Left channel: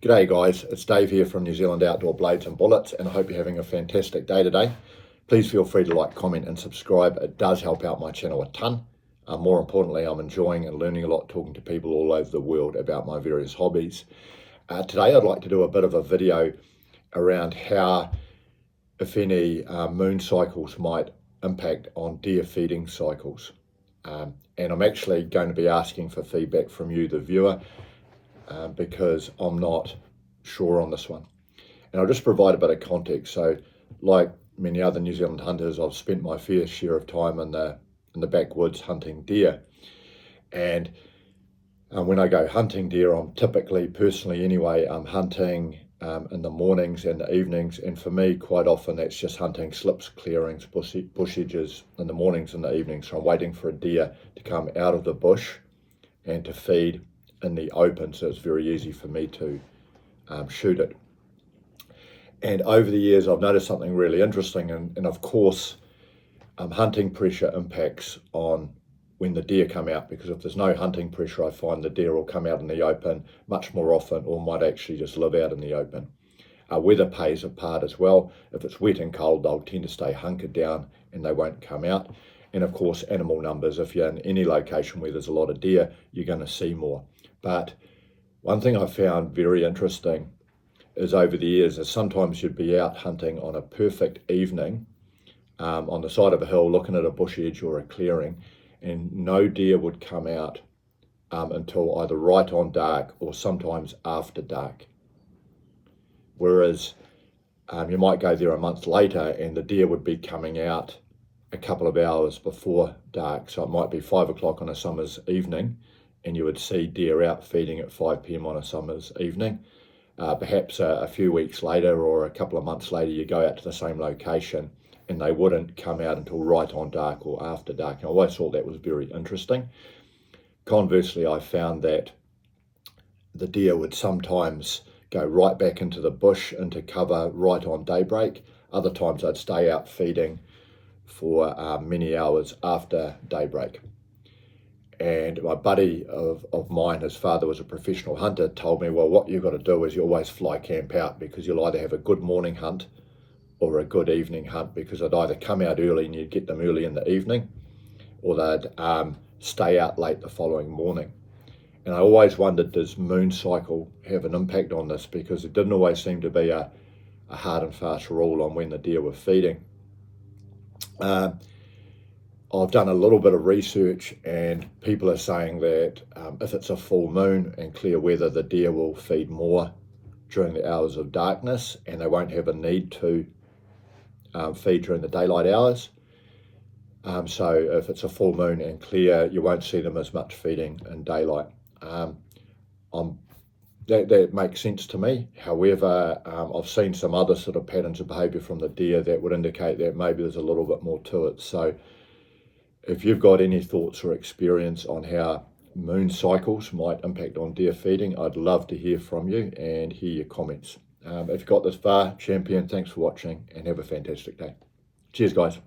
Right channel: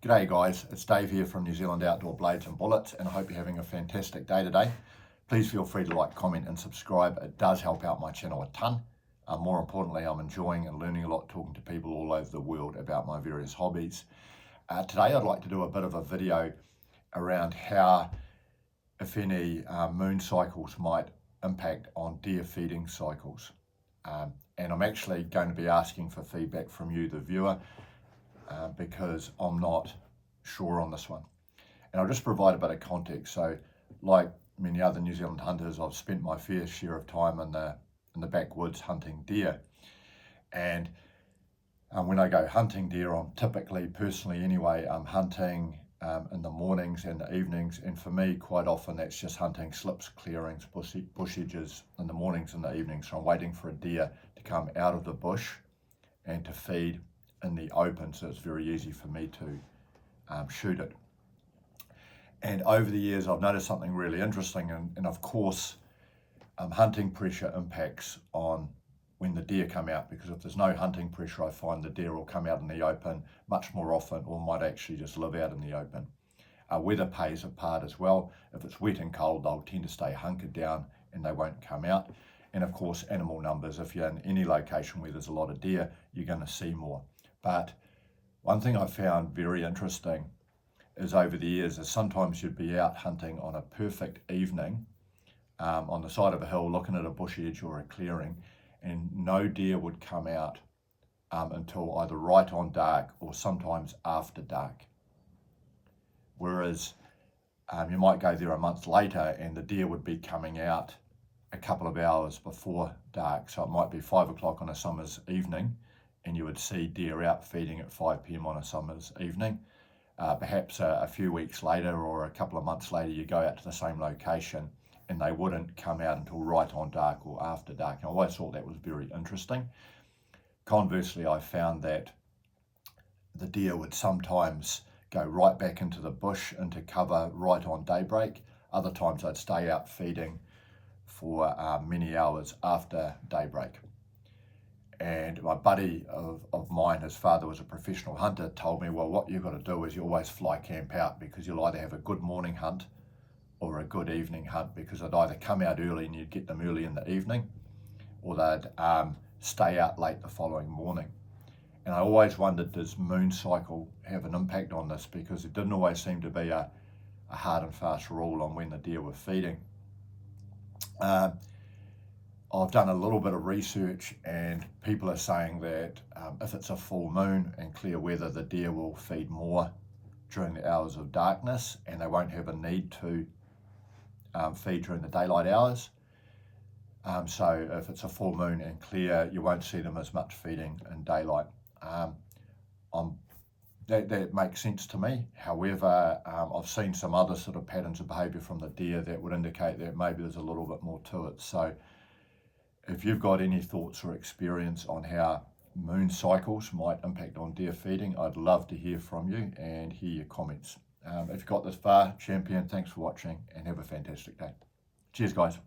G'day guys, it's Dave here from New Zealand Outdoor Blades and Bullets, and I hope you're having a fantastic day today. Please feel free to like, comment and subscribe. It does help out my channel a ton. More importantly, I'm enjoying and learning a lot talking to people all over the world about my various hobbies. Today I'd like to do a bit of a video around how, if any, moon cycles might impact on deer feeding cycles. And I'm actually going to be asking for feedback from you, the viewer, because I'm not sure on this one. And I'll just provide a bit of context. So like many other New Zealand hunters, I've spent my fair share of time in the backwoods hunting deer. And when I go hunting deer, I'm typically, personally anyway, I'm hunting in the mornings and the evenings. And for me, quite often that's just hunting slips, clearings, bush edges in the mornings and the evenings. So I'm waiting for a deer to come out of the bush and to feed in the open, so it's very easy for me to shoot it. And over the years I've noticed something really interesting, and of course hunting pressure impacts on when the deer come out, because if there's no hunting pressure, I find the deer will come out in the open much more often, or might actually just live out in the open. Weather plays a part as well. If it's wet and cold, they'll tend to stay hunkered down and they won't come out. And of course animal numbers, if you're in any location where there's a lot of deer, you're going to see more. But one thing I found very interesting is over the years is sometimes you'd be out hunting on a perfect evening on the side of a hill looking at a bush edge or a clearing, and no deer would come out until either right on dark or sometimes after dark. Whereas you might go there a month later and the deer would be coming out a couple of hours before dark. So it might be 5 o'clock on a summer's evening and you would see deer out feeding at 5 p.m. on a summer's evening. Perhaps a few weeks later or a couple of months later, you go out to the same location and they wouldn't come out until right on dark or after dark. And I always thought that was very interesting. Conversely, I found that the deer would sometimes go right back into the bush, into cover right on daybreak. Other times they'd stay out feeding for many hours after daybreak. And my buddy of mine, his father was a professional hunter, told me, well, what you've got to do is you always fly camp out, because you'll either have a good morning hunt or a good evening hunt, because they'd either come out early and you'd get them early in the evening, or they'd stay out late the following morning. And I always wondered, does moon cycle have an impact on this? Because it didn't always seem to be a hard and fast rule on when the deer were feeding. I've done a little bit of research and people are saying that if it's a full moon and clear weather, the deer will feed more during the hours of darkness and they won't have a need to feed during the daylight hours. So if it's a full moon and clear, you won't see them as much feeding in daylight. That makes sense to me. However, I've seen some other sort of patterns of behavior from the deer that would indicate that maybe there's a little bit more to it. So if you've got any thoughts or experience on how moon cycles might impact on deer feeding, I'd love to hear from you and hear your comments. If you got this far, champion, thanks for watching and have a fantastic day. Cheers, guys.